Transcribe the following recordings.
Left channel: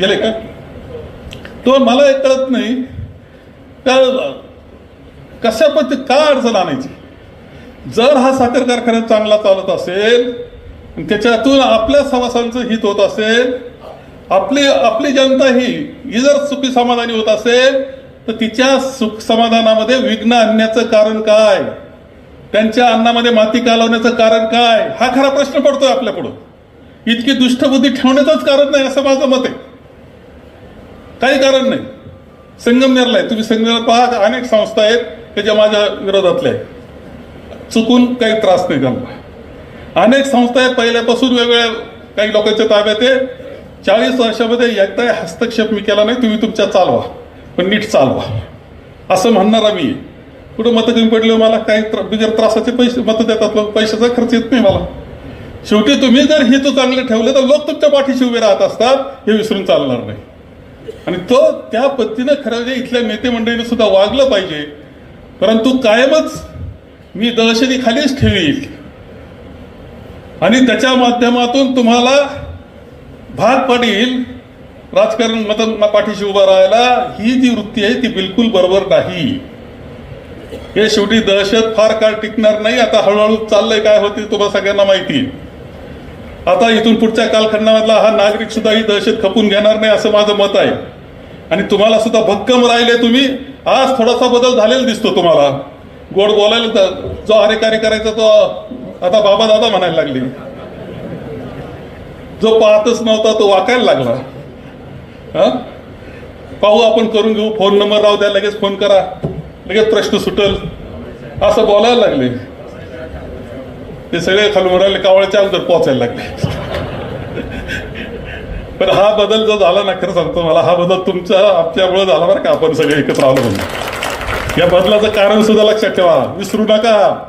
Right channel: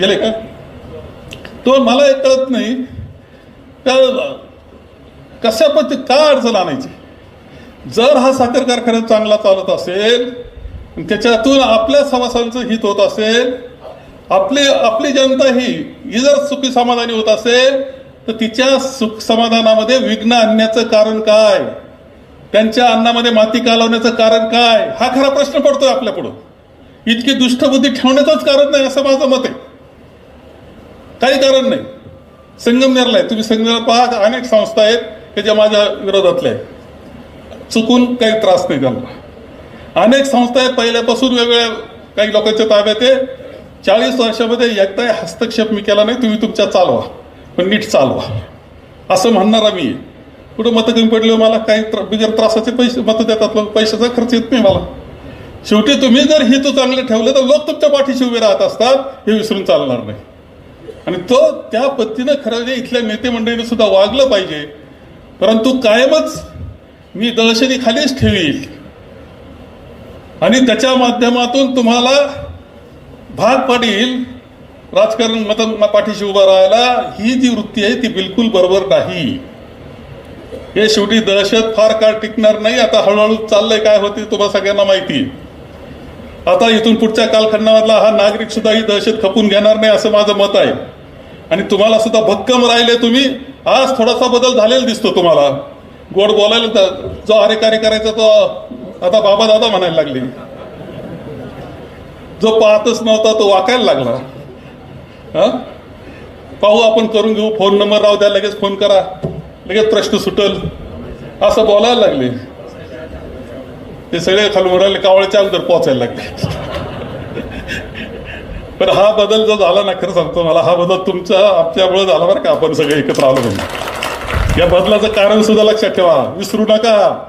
गेले का? तो मला हे कळत नाही. का कशा पद्धती काय अडचण आणायची? जर हा साखर कारखाना चांगला चालत असेल त्याच्यातून आपल्या सभासदांचं हित होत असेल आपली आपली जनता ही जर सुखी समाधानी होत असेल तर तिच्या सुख समाधानामध्ये विघ्न आणण्याचं कारण काय? त्यांच्या अन्नामध्ये माती कालवण्याचं कारण काय? हा खरा प्रश्न पडतोय आपल्याकडून इतकी दुष्टबुद्धी ठेवण्याचंच कारण नाही असं माझं मत आहे. काही कारण नाही. संगमनेरला आहे. तुम्ही संगमनेर पहा अनेक संस्था आहेत की ज्या माझ्या विरोधातल्या आहेत. चुकून काही त्रास नाही झाला. अनेक संस्था आहेत पहिल्यापासून वेगवेगळ्या काही लोकांच्या ताब्यात आहे. चाळीस वर्षामध्ये एकदाही हस्तक्षेप मी केला नाही. तुम्ही तुमच्या चालवा. पण नीट चालवा. असं म्हणणारा मी कुठं मतं कमी पडले हो मला? काही त्रा बिगर म्हणजे त्रासाचे पैसे मतं देतात लोक. पैशाचा खर्च येत नाही मला. शेवटी तुम्ही जर हेतू चांगले ठेवले तर लोक तुमच्या पाठीशी उभे राहत असतात. हे विसरून चालणार नाही. आणि तो त्या पद्धतीनं खरं म्हणजे इथल्या नेते मंडळीने सुद्धा वागलं पाहिजे. परंतु कायमच मी दहशती खालीच ठेवील आणि त्याच्या माध्यमातून तुम्हाला भाग पडेल राजकारण मत पाठीशी उभा राहायला. ही जी वृत्ती आहे ती बिलकुल बरोबर नाही. हे शेवटी दहशत फार काळ टिकणार नाही. आता हळूहळू चाललंय काय होते तुम्हाला सगळ्यांना माहिती आता इथून पुढच्या कालखंडामधला हा नागरिक सुद्धा ही दहशत खपून घेणार नाही असं माझं मत आहे. आणि तुम्हाला सुद्धा भक्कम राहिले तुम्ही. आज थोडासा बदल झालेला दिसतो तुम्हाला. गोड बोलायला तर जो अरे करायचा तो आता बाबा दादा म्हणायला लागले. जो पाहतच नव्हता तो वाकायला लागला. हा? पाहू आपण करून घेऊ. फोन नंबर राहू द्या लगेच फोन करा. लगेच प्रश्न सुटल. असं बोलायला लागले. ते सगळे खालून राहिले चाल तर पोचायला लागले. तर हा बदल जो झाला ना खरं सांगतो मला हा बदल तुमच्या आपल्यामुळे झाला बरं का आपण सगळे एकत्र आलो म्हणजे या बदलाचं कारण सुद्धा लक्षात ठेवा. विसरू नका.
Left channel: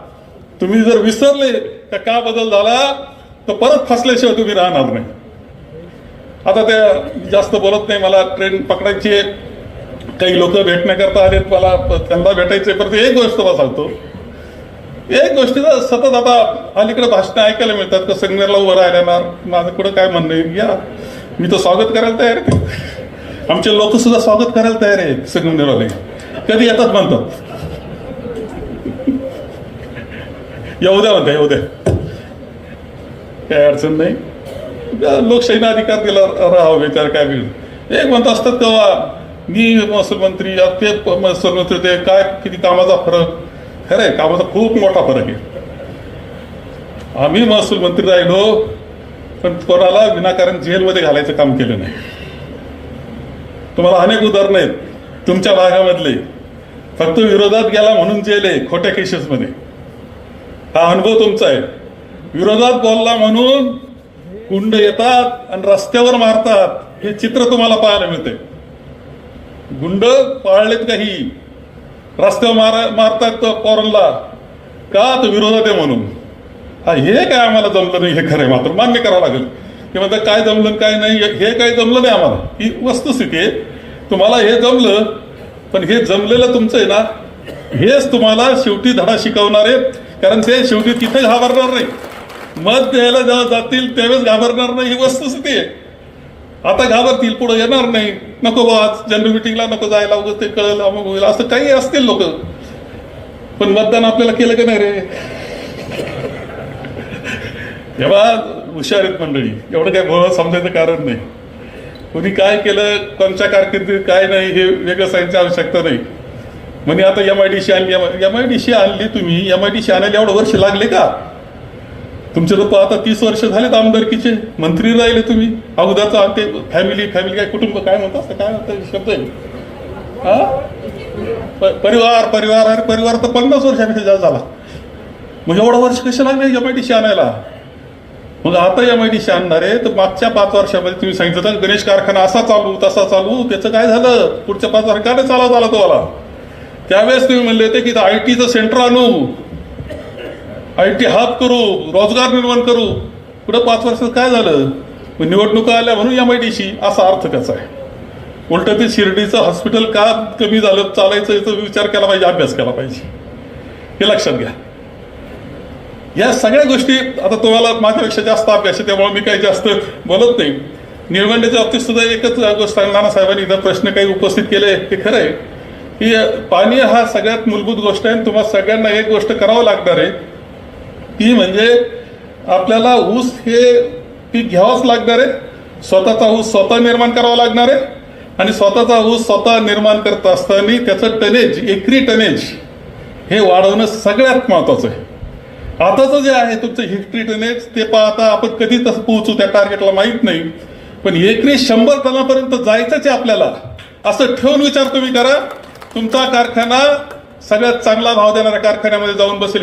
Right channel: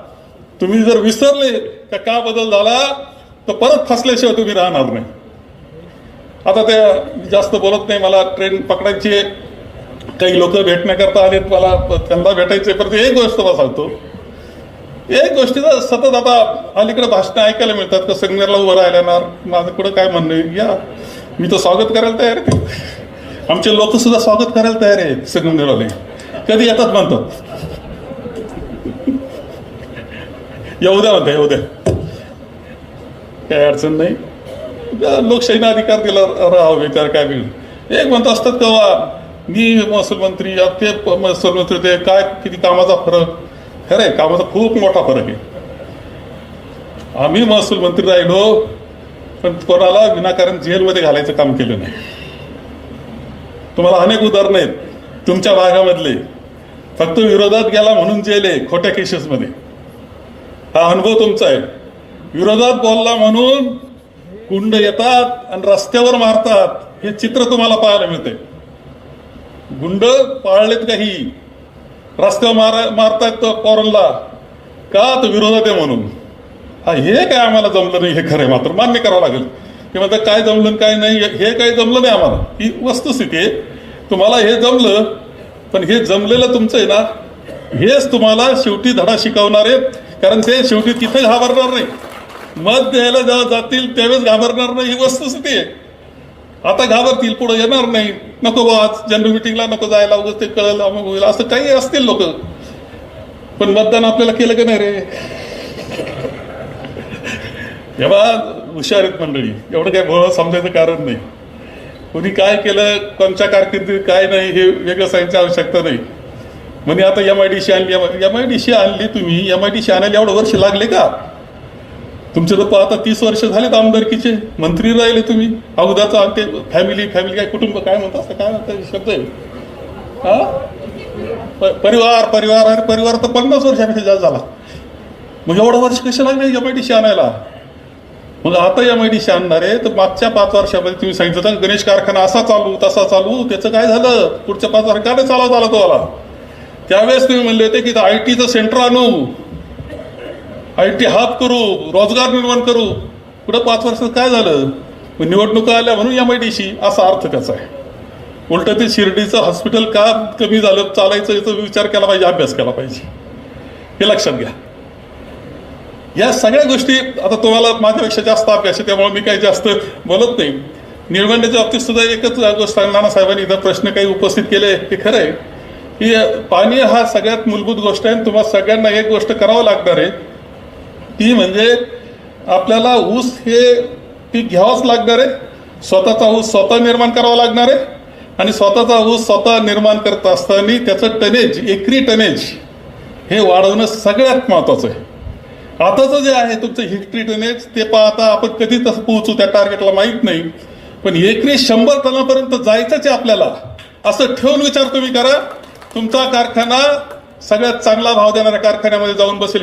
तुम्ही जर विसरले तर का बदल झाला? तर परत फसल्याशिवाय तुम्ही राहणार नाही. आता त्या जास्त बोलत नाही मला ट्रेन पकडायची आहे. काही लोक भेटण्याकरता आलेत मला त्यांना भेटायचे परत एक गोष्ट मला सांगतो. एक गोष्टीचं सतत आता अलीकडे भाषणं ऐकायला मिळतात का संगमेरला उभं राहिल्यानं माझं कुठं काय म्हणणं या मी तर स्वागत करायला तयार आहे. आमचे लोक सुद्धा स्वागत करायला तयार आहे संगमनेरवाले कधी येतात म्हणतात. येऊ द्या म्हणता येऊ द्या काही अडचण नाही. लोकशाहीने अधिकार दिला राहा विचार काय मिळेल एक म्हणत असतात तेव्हा मी महसूल मंत्री या ते महसूल मंत्री ते काय किती कामाचा फरक? खरं आहे कामाचा खूप मोठा फरक आहे. आम्ही महसूल मंत्री राहिलो पण कोणाला विनाकारण जेलमध्ये घालायचं काम केलं नाही. तुम्हाला अनेक उदाहरणं आहेत. तुमच्या भागामधले फक्त विरोधात गेला म्हणून जेल आहे खोट्या केसेसमध्ये. हा अनुभव तुमचा आहे. विरोधात बोलला म्हणून गुंड येतात आणि रस्त्यावर मारतात हे चित्र तुम्हाला पाहायला मिळते गुंड पाळलेत काही रस्त्यावर मारा मारतात तो पोरांना. का तो विरोधात आहे म्हणून? हा हे काय आम्हाला जमलं नाही हे खरं आहे मात्र. मान्य करावं लागेल. की म्हणतात काय जमलं काय नाही हे काय जमलं नाही आम्हाला. ही वस्तुस्थिती आहे. तुम्हाला हे जमलं पण हे जमलेलं तुमचं आहे ना हेच तुम्हाला शेवटी धडा शिकवणार आहेत कारण ते शेवटी तिथे घाबरणार नाही. मत द्यायला जेव्हा जातील त्यावेळेस घाबरणार नाही. ही वस्तुस्थिती आहे. आता घाबरतील पुढे येणार नाही. नको बा जनरल मिटिंगला नको जायला उगाच ते कळलं अमुक होईल. असं काही असतील लोक. पण मतदान आपल्याला केलं का नाही रे? तेव्हा हुशार आहेत मंडळी. एवढं काय भोळं समजायचं कारण नाही. कोणी काय केलं कोणत्या कारकिर्दीत काय नाही हे वेगळं सांगायची आवश्यकता नाही. म्हणजे आता एम आय डी सी आणली. एम आय डी सी आणली तुम्ही. एम आय डी सी आणायला एवढं वर्ष लागले का? तुमचे तर आता तीस वर्ष झालेत आमदारकीचे. मंत्री राहिले तुम्ही. अगोदरचा ते फॅमिली फॅमिली काय कुटुंब काय म्हणतात? काय म्हणतात? शब्द आहे. हा? परिवार परिवार अरे परिवार तर पन्नास वर्षापेक्षा जास्त झाला. मग एवढं वर्ष कसं लागले एम आय डी सी आणायला? मग आता एम आय डी सी आणणार आहे. तर मागच्या पाच वर्षामध्ये तुम्ही सांगितलं होतं, गणेश कारखाना असा चालू तसा चालू. त्याचं काय झालं? पुढच्या पाच वर्षात काय चालवत आला? तुम्हाला त्यावेळेस तुम्ही म्हणले होते की आय टीचं सेंटर आणू. आय टी हब करू रोजगार निर्माण करू. पुढे पाच वर्षात काय झालं? निवडणुका आल्या म्हणून एम आय डी सी असा अर्थ त्याचा आहे. उलट ते शिर्डीचं हॉस्पिटल का कमी झालं? चालायचं याचा विचार केला पाहिजे अभ्यास केला पाहिजे. हे लक्षात घ्या. या सगळ्या गोष्टी आता तुम्हाला माझ्यापेक्षा जास्त अभ्यास आहे त्यामुळे मी काही जास्त बोलत नाही. निळवंड्याच्या बाबतीत सुद्धा एकच गोष्ट आहे, नानासाहेबांनी इथं प्रश्न काही उपस्थित केले ते खरं आहे. की पाणी हा सगळ्यात मूलभूत गोष्ट आहे आणि तुम्हाला सगळ्यांना एक गोष्ट करावं लागणार आहे. ती म्हणजे आपल्याला ऊस हे पीक घ्यावंच लागणार आहे. स्वतःचा ऊस स्वतः निर्माण करावा लागणार आहे. आणि स्वतःचा ऊस स्वतः निर्माण करत असताना त्याचं टनेज एकरी टनेज हे वाढवणं सगळ्यात महत्वाचं आहे. आताचं जे आहे तुमचं हिस्ट्री टनेज ते पाहता आपण कधी तसं पोहोचू त्या टार्गेटला माहीत नाही. पण एकरी शंभर टनापर्यंत जायचंच आहे आपल्याला. असं ठेवून विचार तुम्ही करा. तुमचा कारखाना सगळ्यात चांगला भाव देणाऱ्या कारखान्यामध्ये जाऊन बसेल.